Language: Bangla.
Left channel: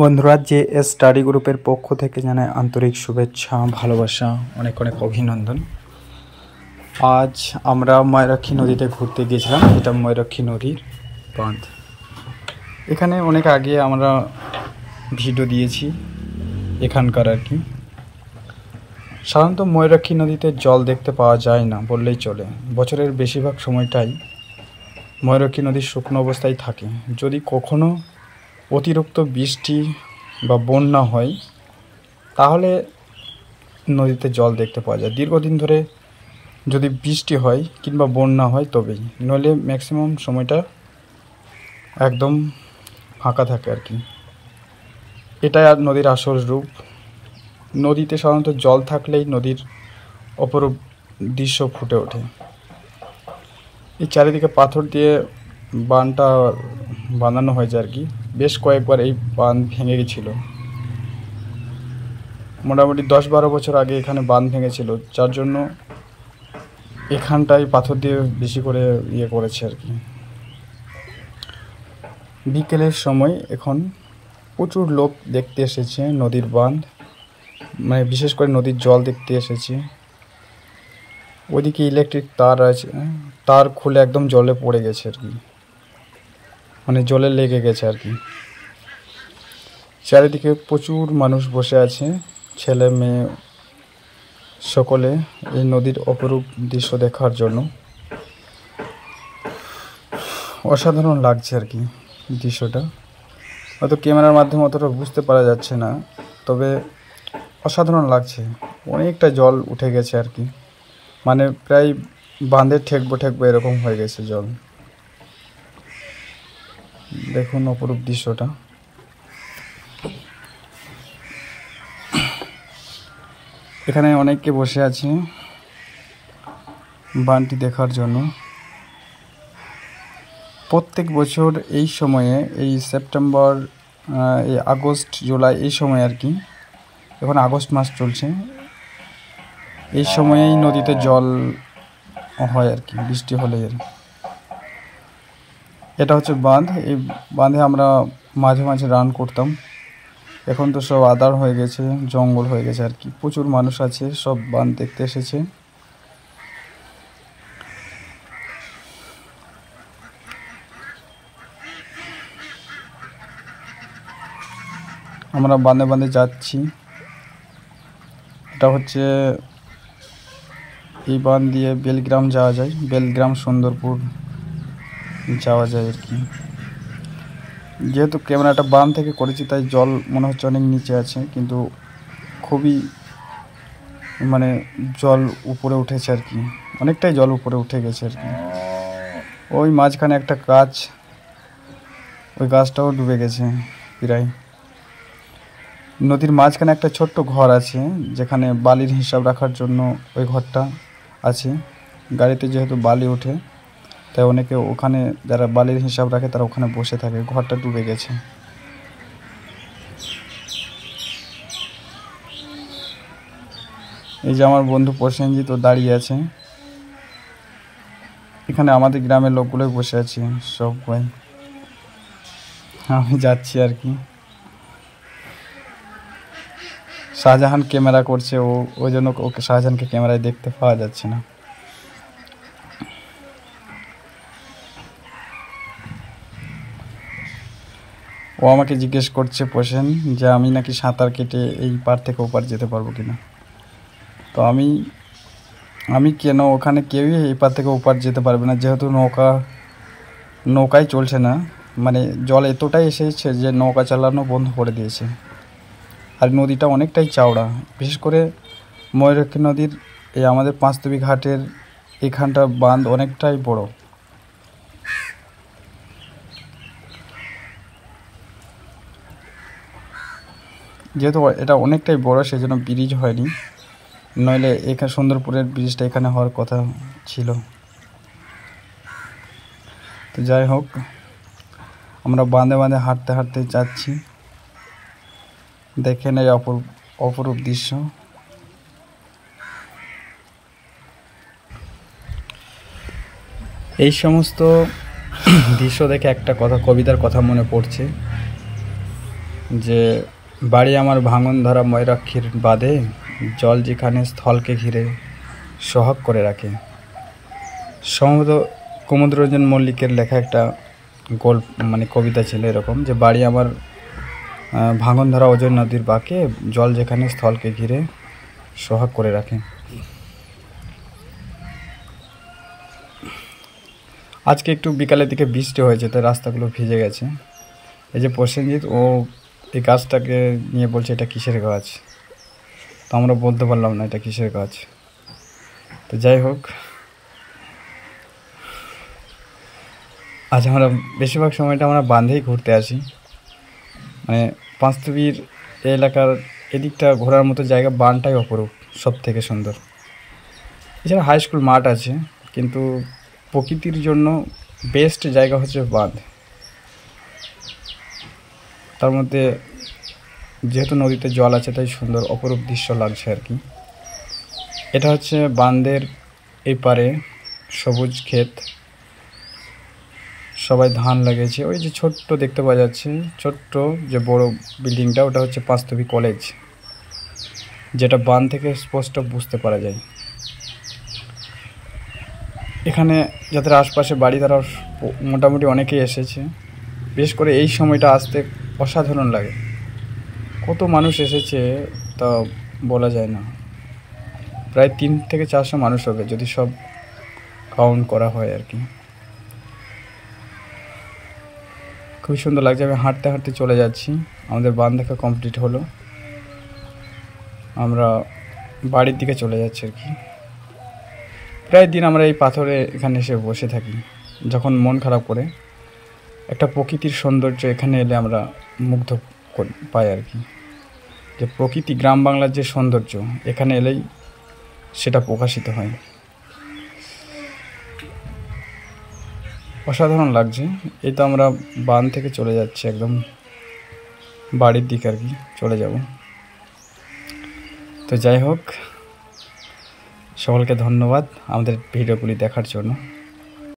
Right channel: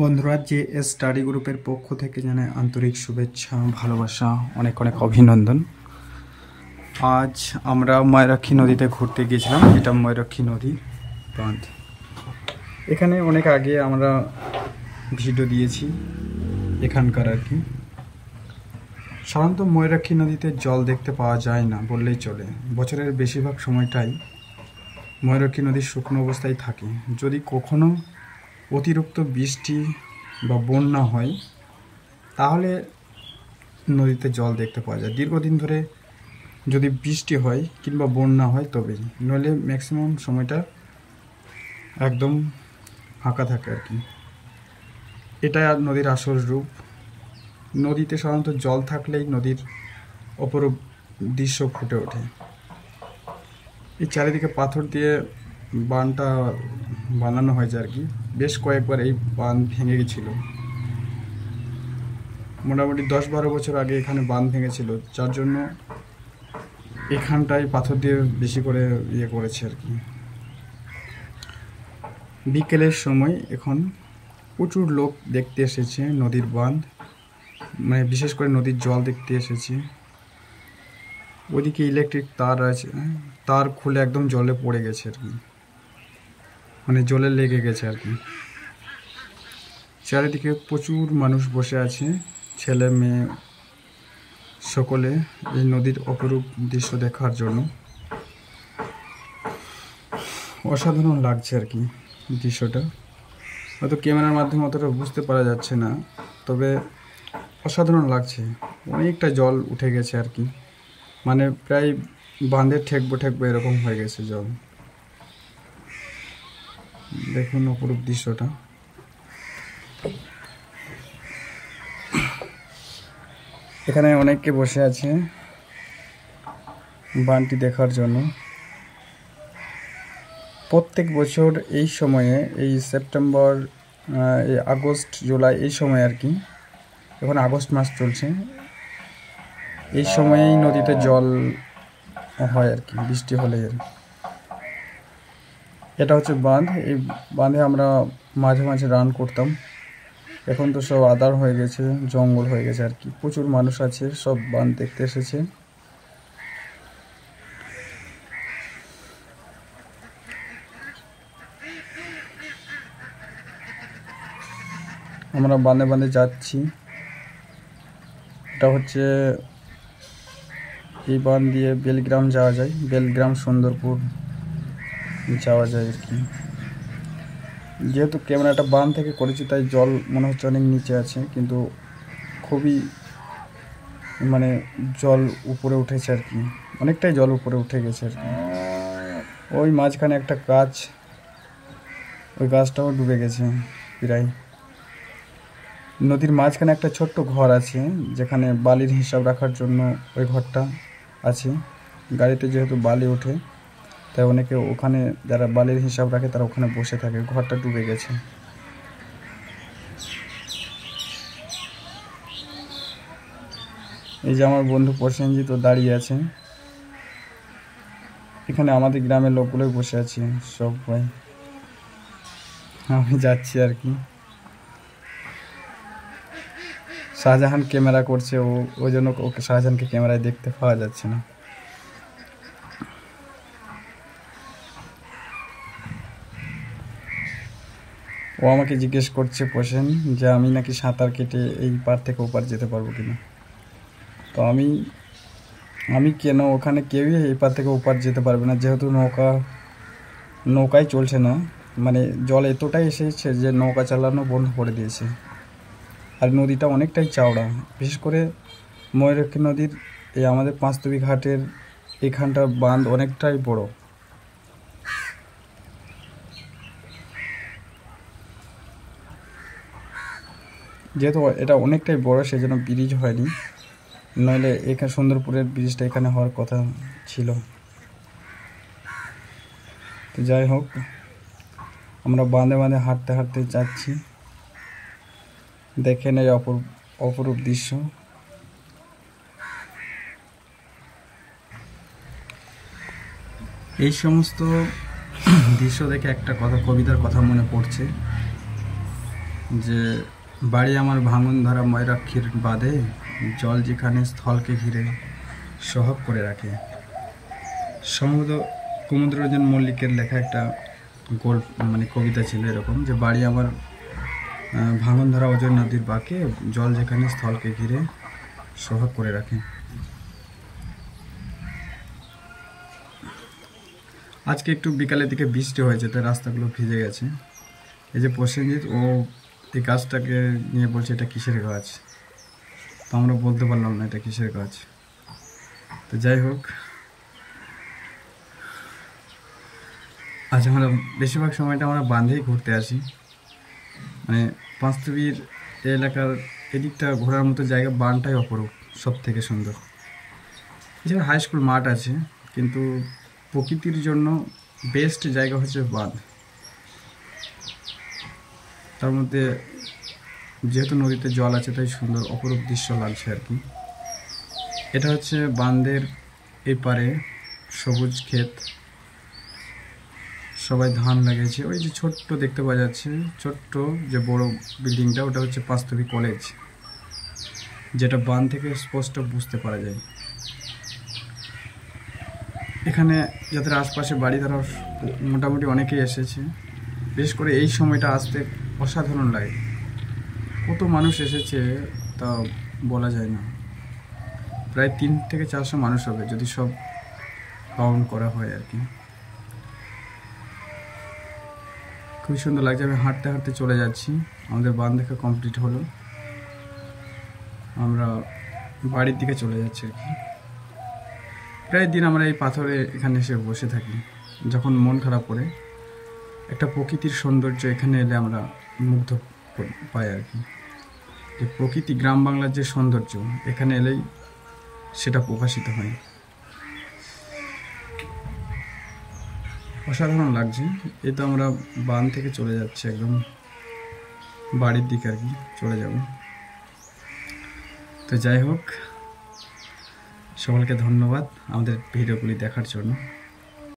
বন্ধুরা, JS স্টাডি গ্রুপের পক্ষ থেকে জানাই আন্তরিক শুভেচ্ছা, ভালোবাসা, অনেক অনেক অভিনন্দন। আজ আমরা ময়ূরাক্ষী নদীতে ঘুরতে গিয়েছিলাম। এটা ময়ূরাক্ষী নদীর বাঁধ। এখানে অনেক আগে আমরা ভিডিও দিয়েছি এখানকার আর কি। সাধারণত ময়ূরাক্ষী নদীতে জল দেখতে পাওয়া যায় না বললেই চলে। বছরের বেশিরভাগ সময়টাই ময়ূরাক্ষী নদীর শুকনো অবস্থায় থাকে। যদি কখনো অতিরিক্ত বৃষ্টি বা বন্যা হয় তাহলে নদীতে জল দেখতে পাওয়া যায়। দীর্ঘদিন ধরে যদি বৃষ্টি হয় কিংবা বন্যা হয় তবেই, নইলে ম্যাক্সিমাম সময়টা একদম ফাঁকা থাকে আর কি। এটাই আর নদীর আসল রূপ। নদীতে সাধারণত জল থাকলেই নদীর অপরূপ দৃশ্য ফুটে ওঠে। এই চারিদিকে পাথর দিয়ে বাঁধটা বানানো হয়েছে আর কি। বেশ কয়েকবার এই বাঁধ ভেঙে গেছিল। মোটামুটি 10-12 বছর আগে এখানে বাঁধ ভেঙেছিল, যার জন্য এখানটায় পাথর দিয়ে বেশি করে করেছে আর কি। বিকেলের সময় এখন প্রচুর লোক দেখতে এসেছে নদীর বাঁধ, মানে বিশেষ করে নদীর জল দেখতে এসেছে। ওইদিকে ইলেকট্রিক তার আছে, তার খুলে একদম জলে পড়ে গেছে আর কি, মানে জলে লেগে গেছে আর কি। চারিদিকে প্রচুর মানুষ বসে আছে, ছেলে মেয়ে সকলে এই নদীর অপরূপ দৃশ্য দেখার জন্য। অসাধারণ লাগছে আর কি দৃশ্যটা। হয়তো ক্যামেরার মাধ্যমে অতটা বুঝতে পারা যাচ্ছে না, তবে অসাধারণ লাগছে। অনেকটা জল উঠে গেছে আর কি, মানে প্রায় বাঁধে ঠেকবো এরকম হয়ে গেছে জল। দেখুন অপরূপ দৃশ্যটা। এখানে অনেকে বসে আছে বাঁধটি দেখার জন্য। প্রত্যেক বছর এই সময়ে, এই সেপ্টেম্বর, এই আগস্ট, জুলাই, এই সময় আর কি, এখন আগস্ট মাস চলছে, এই সময়েই নদীতে জল হয় আর কি, বৃষ্টি হলে। এটা হচ্ছে বাঁধ। এই বাঁধে আমরা মাঝে মাঝে রান করতাম। এখন তো সব আদার হয়ে গেছে, জঙ্গল হয়ে গেছে আর কি। প্রচুর মানুষ আছে, সব বাঁধ দেখতে এসেছে। আমরা বাঁধে বাঁধে যাচ্ছি। এটা হচ্ছে এই বাঁধ দিয়ে বেলগ্রাম যাওয়া যায়, বেলগ্রাম সুন্দরপুর যাওয়া যায় আর কি। যেহেতু ক্যামেরাটা বাম থেকে করেছি তাই জল মনে হচ্ছে অনেক নিচে আছে, কিন্তু খুবই মানে জল উপরে উঠেছে আর কি, অনেকটাই জল উপরে উঠে গেছে আর কি। ওই মাঝখানে একটা গাছ, ওই গাছটাও ডুবে গেছে প্রায়। নদীর মাঝখানে একটা ছোট্ট ঘর আছে, যেখানে বালির হিসাব রাখার জন্য ওই ঘরটা আছে। গাড়িতে যেহেতু বালি ওঠে তাই অনেকে ওখানে, যারা বালির হিসাব রাখে তারা ওখানে বসে থাকে। ঘরটা ডুবে গেছে। এই যে আমার বন্ধু প্রসেনজিৎ তো দাঁড়িয়ে আছে। এখানে আমাদের গ্রামের লোকগুলোই বসে আছে সবাই। আমি যাচ্ছি আর কি। শাহজাহান ক্যামেরা করছে, ওই জন্য ওকে, শাহজাহানকে ক্যামেরায় দেখতে পাওয়া যাচ্ছে না। ও আমাকে জিজ্ঞেস করছে প্রসেন, যে আমি নাকি সাঁতার কেটে এই পার থেকে ওপার যেতে পারবো কিনা। তো আমি কেন, ওখানে কেউই এই পার থেকে ওপার যেতে পারবে না, যেহেতু নৌকাই চলছে না। মানে জল এতটাই এসেছে যে নৌকা চালানো বন্ধ করে দিয়েছে। আর নদীটা অনেকটাই চওড়া, বিশেষ করে ময়ূরাক্ষী নদীর এই আমাদের পাঁচতবি ঘাটের এখানটা বাঁধ অনেকটাই বড়। যেহেতু এটা অনেকটাই বড়, সেই জন্য ব্রিজ হয়নি, নইলে এখানে সুন্দরপুরের ব্রিজটা এখানে হওয়ার কথা ছিল। তো যাই হোক, আমরা বাঁধে বাঁধে হাঁটতে হাঁটতে যাচ্ছি। দেখেন এই অপরূপ দৃশ্য। এই সমস্ত দৃশ্য দেখে একটা কথা, কবিতার কথা মনে পড়ছে। যে বাড়ি আমার ভাঙন ধরা ময়ূরাক্ষীর বাদে, জল যেখানে স্থলকে ঘিরে সোহাগ করে রাখে। সম্ভবত কুমুদরঞ্জন মল্লিকের লেখা একটা গল্প মানে কবিতা ছিল এরকম, যে বাড়ি আমার ভাঙন ধরা অজয় নদীর বাঁকে, জল যেখানে স্থলকে ঘিরে সোহাগ করে রাখে। আজকে একটু বিকালের দিকে বৃষ্টি হয়েছে, তাই রাস্তাগুলো ভিজে গেছে। এই যে প্রসেনজিৎ, ও এই গাছটাকে নিয়ে বলছে এটা কিসের গাছ, তো আমরা বলতে পারলাম না এটা কিসের গাছ। তো যাই হোক, আজ আমরা বেশিরভাগ সময়টা আমরা বাঁধেই ঘুরতে আসি। মানে পাঁচতবির এলাকার এদিকটা ঘোরার মতো জায়গা, বানটাই অপরূপ, সব থেকে সুন্দর। এছাড়া হাই স্কুল মাঠ আছে, কিন্তু প্রকৃতির জন্য বেস্ট জায়গা হচ্ছে বাঁধ। তার মধ্যে যেহেতু নদীতে জল আছে, তাই সুন্দর অপরূপ দৃশ্য লাগছে আর কি। এটা হচ্ছে বাঁধের এই পারে সবুজ ক্ষেত, সবাই ধান লাগিয়েছে। ওই যে ছোট্ট দেখতে পাওয়া যাচ্ছে, ছোট্ট যে বড় বিল্ডিংটা, ওটা হচ্ছে পাঁচতবি কলেজ, যেটা বাঁধ থেকে স্পষ্ট বুঝতে পারা যায়। এখানে যাদের আশপাশে বাড়ি, তারা মোটামুটি অনেকেই এসেছে। বিশেষ করে এই সময়টা আসতে অসাধারণ লাগে। কত মানুষ এসেছে তা বলা যায় না, প্রায় 300 থেকে 400 মানুষ হবে যদি সব কাউন্ট করা হয় আর কি। খুব সুন্দর লাগছে। আমি হাঁটতে হাঁটতে চলে যাচ্ছি, আমাদের বাঁধ দেখা কমপ্লিট হলো, আমরা বাড়ির দিকে চলে যাচ্ছি আর কি। প্রায় দিন আমরা এই পাথরে এখানে এসে বসে থাকি, যখন মন খারাপ করে। একটা প্রকৃতির সৌন্দর্য এখানে এলে আমরা মুগ্ধ পাই আর কি। যে প্রকৃতি, গ্রাম বাংলার যে সৌন্দর্য, এখানে এলেই সেটা প্রকাশিত হয়। অসাধারণ লাগছে। এই তো আমরা বাঁধ থেকে চলে যাচ্ছি একদম বাড়ির দিকে আর কি, চলে যাব। তো যাই হোক, সকলকে ধন্যবাদ আমাদের ভিডিওগুলি দেখার জন্য।